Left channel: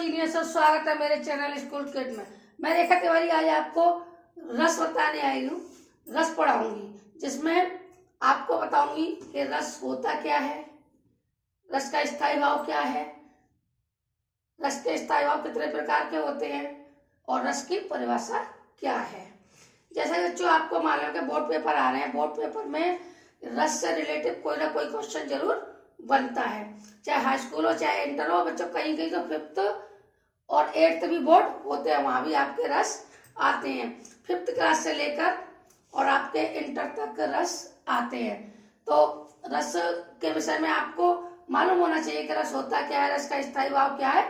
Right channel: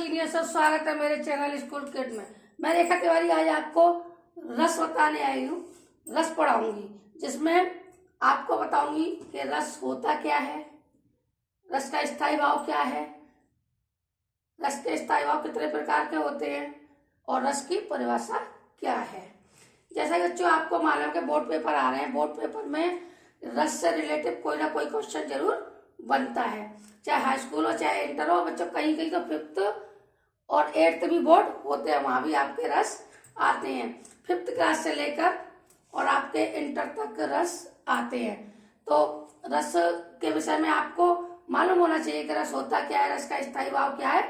Genius, स्वागत है मेरे चैनल स्कूल किड में। मैं रेखा तिवारी आज आपको रस बताने आई हूँ। रस पढ़ाऊंगी जिसमें आपको बताऊंगी कि रस होता क्या है, रस का स्थायी भाव क्या है, रस के स्थायी भाव कितने प्रकार के होते हैं और रस की परिभाषा क्या है। जैसे बच्चों आपको मालूम कि बोर्ड पेपर आ रहे हैं, बोर्ड पेपर में रस से रिलेटेड कोई ना कोई क्वेश्चन जरूर बनता है, चाहे हाई स्कूल हो चाहे इंटर हो। बच्चों कहीं कहीं तो 5th और 8th भी बोर्ड होते हैं, वहां भी आपके रस आते हैं। 5th क्लास से लेकर और आपके इंटर तक रस आते हैं। तो रस के विषय में आपको मालूम होना चाहिए कि रस होता क्या है, रस का स्थायी भाव क्या है।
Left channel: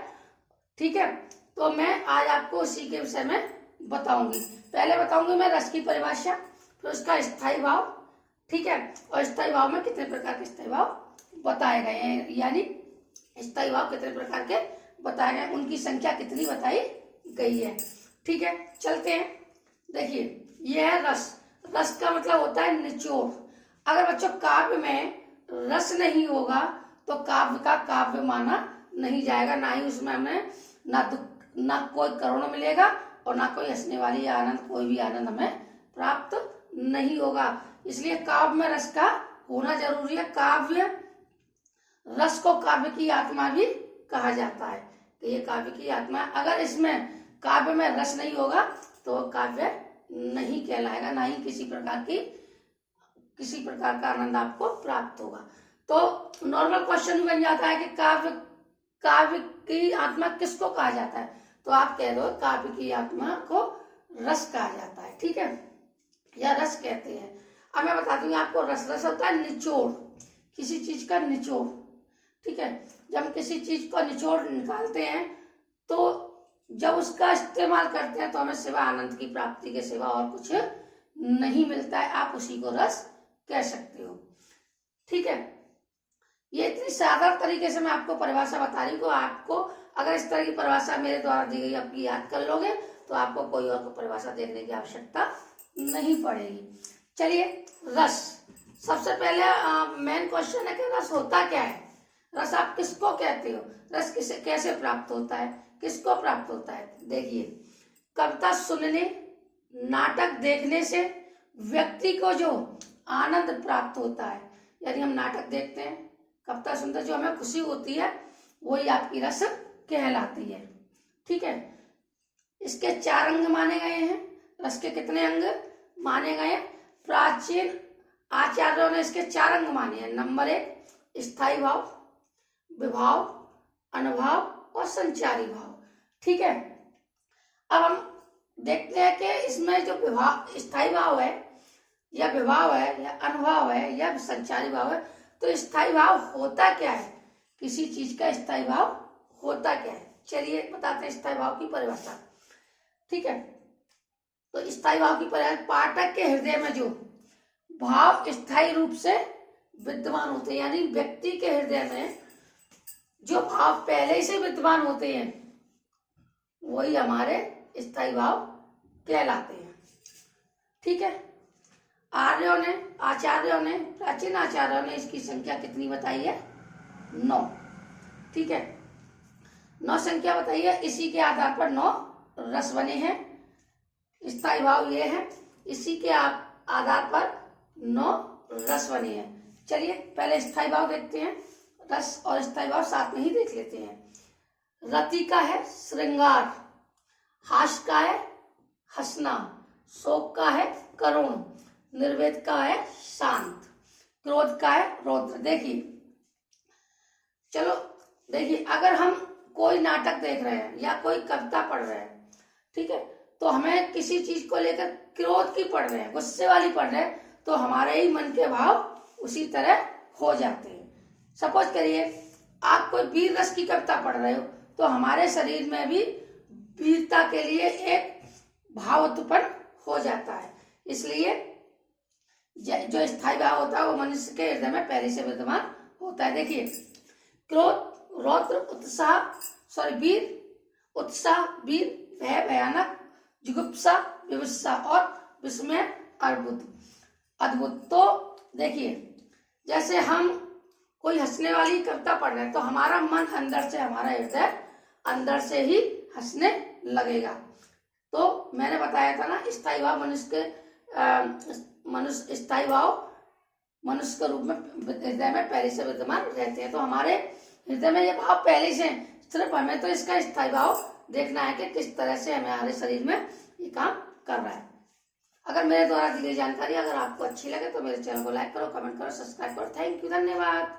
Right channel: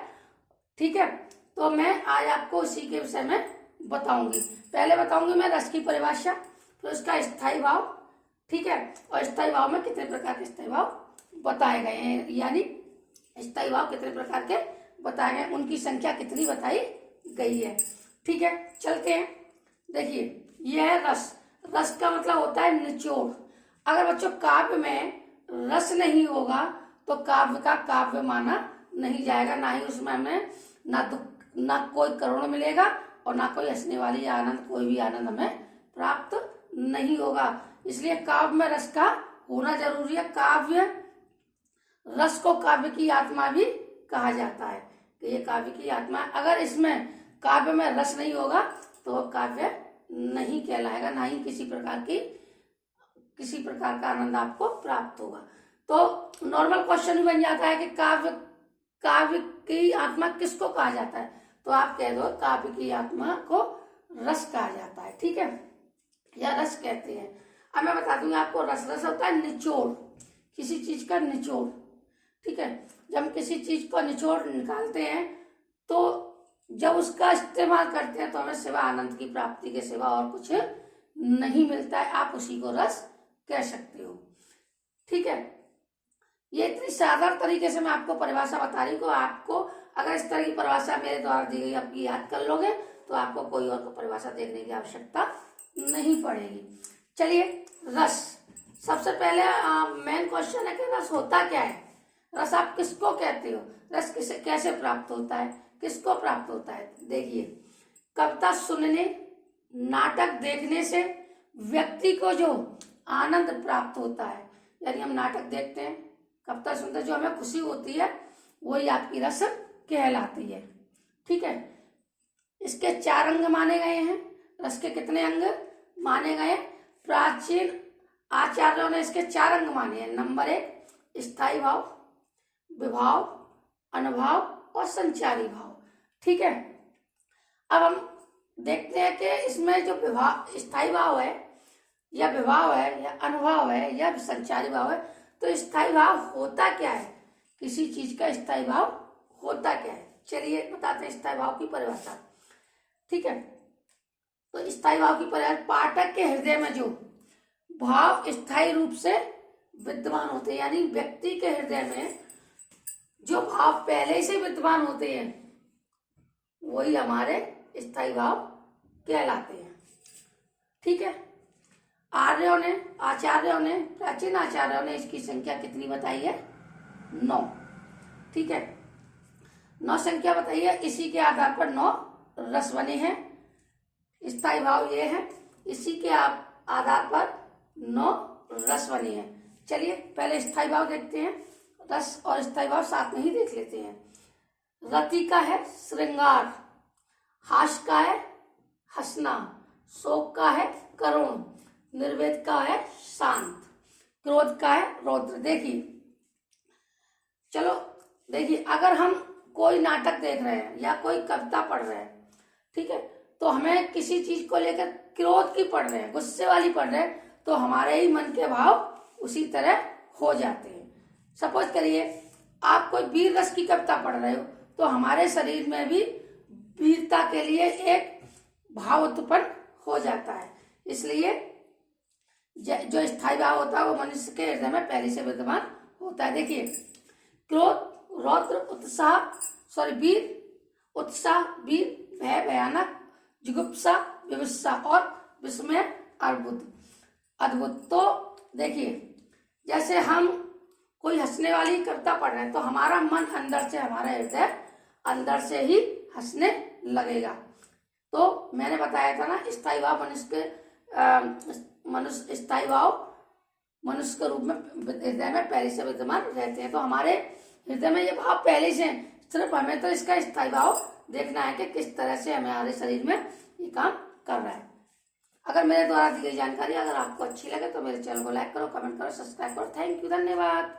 ठीक है, तो मैं आज आपको इसी के विषय में बताऊंगी। पहले बताऊंगी मैं रस की परिभाषा, फिर उसका स्थायी भाव। ठीक है, और स्थायी भाव में कितने प्रकार के स्थायी भाव बताए गए हैं, यानी स्थायी भाव कितने प्रकार के बताए गए, उनकी संख्या कितनी बताई गई है। ठीक है, चलते हैं। देखिए यह है रस। रस का मतलब होता है निचोड़। अगर बच्चों काव्य में रस नहीं होगा तो काव्य का काव्य माना नहीं जाएगा, ना ही उसमें हमें ना कोई करुण मिलेगा और ना कोई हंसने वाली आनंद, कोई भी आनंद हमें प्राप्त नहीं होगा। इसलिए काव्य में रस का होना जरूरी है। काव्य रस को काव्य की आत्मा भी कहा जाता है कि ये काव्य की आत्मा है। अगर इसमें काव्य में रस नहीं होगा तो काव्य नहीं कहलाएगा, ना ही किसी प्रकार का आनंद आपको प्राप्त होगा। तो नॉर्मल क्वेश्चन भी बन जाता है कि काव्य की आत्मा किसको कहा जाता है, तो आप कह दो काव्य की आत्मा को रस कहा जाता है। ठीक है, या रस कहते हैं। अब मैं बताती हूँ आपको रस होता है निचोड़, किसी चीज का निचोड़। ठीक है, जब हम किसी चीज को निचोड़ निकालते हैं तो जब उसका इस्तेमाल करते हैं तो हमें सिवा आनंद की प्राप्ति के सिवा और कुछ नहीं मिलता है। आप उसी को रस कह सकते हो। ठीक है, ये इतनी साधारण तरीके से मैं आपको परिभाषा बता रही हूँ। आपको अगर इस तरह की परिभाषा मेरे द्वारा दी गई आपकी याद कर लोगे तो आपको कोई और परिभाषा देखने की आवश्यकता नहीं पड़ेगी। चलिए, रस सबसे पहले मेन क्वेश्चन है कि रस होता क्या है, रस आप किसको कहते हो, रस किसे कैसे प्राप्त होता है, किसको प्राप्त होता है। देखिए, कविता सुनने, नाटक देखने से व्यक्ति को जो आनंद प्राप्त होता है, यानी हम नाटक देखते हैं, कविता सुनते जो हमें खुशी होती है, वही आपकी रस कहलाती है। ठीक है, इसके 4 अंग माने गए हैं। रस के कितने अंग माने गए? प्राचीन आचार्यों ने इसके 4 अंग माने हैं। नंबर 1 स्थायी भाव, विभाव, अनुभाव और संचारी भाव। ठीक है, अब हम देखते हैं कि इसमें जो स्थायी भाव है या विभाव है या अनुभाव है या संचारी भाव है, तो स्थायी भाव होता क्या है, किसी चीज का स्थायी भाव होता क्या है। चलिए बताते हैं स्थायी भाव की परिभाषा। ठीक है, तो स्थायी भाव की परिभाषा, पाठक के हृदय में जो भाव स्थायी रूप से विद्यमान होते हैं, यानी व्यक्ति के हृदय में जो भाव पहले से विद्यमान होते हैं वही हमारे स्थायी भाव कहलाते हैं। ठीक है, प्राचीन आचार्यों ने इसकी संख्या कितनी बताई है? 9। ठीक है, 9 संख्या बताई है। इसी के आधार पर 9 रस बने हैं। स्थायी भाव ये है, इसी के आधार पर 9 रस बने हैं। चलिए पहले स्थायी भाव देखते हैं। रस और स्थायी भाव साथ में ही देख लेते हैं। रति का है श्रृंगार, हास्य का है हंसना, शोक का है करुण, निर्वेद का है शांत, क्रोध का है रौद्र। देखिए अगर हम कोई नाटक देख रहे हैं या कोई कविता पढ़ रहे हैं, ठीक है, तो हमें किसी चीज को लेकर क्रोध की पढ़ रहे हैं, गुस्से वाली पढ़ रहे हैं, तो हमारे ही मन के भाव उसी तरह हो जाते हैं। सपोज करिए आप कोई वीर रस की कविता पढ़ रहे हो, तो हमारे शरीर में भी वीरता के लिए एक भाव उत्पन्न हो जाता है। इसलिए जो स्थायी भाव होता है वो मनुष्य के हृदय में पहले से विद्यमान होता है। देखिए, क्रोध, रौद्र, वीर, उत्साह, वीर, भय, भयानक, जुगुप्सा, विवस्सा और विस्मय, अद्भुत। तो देखिए, जैसे हम कोई हंसने वाली कविता पढ़ रहे हैं तो हमारा मन अंदर से, हमारा हृदय अंदर से ही हंसने लगेगा। तो मैंने बताया था ना, स्थायी भाव स्थायी भाव मनुष्य के रूप में हृदय में पहले से विद्यमान रहते हैं। तो हमारे हृदय में ये भाव पहले से हैं, सिर्फ हमें तो इसका स्थायी भाव देखना है कि किस तरह से हमारे शरीर में ये काम कर रहा है। अगर मेरे द्वारा दी गई जानकारी अगर आपको अच्छी लगे तो मेरे चैनल को लाइक करो, कमेंट करो, सब्सक्राइब करो। थैंक यू, धन्यवाद।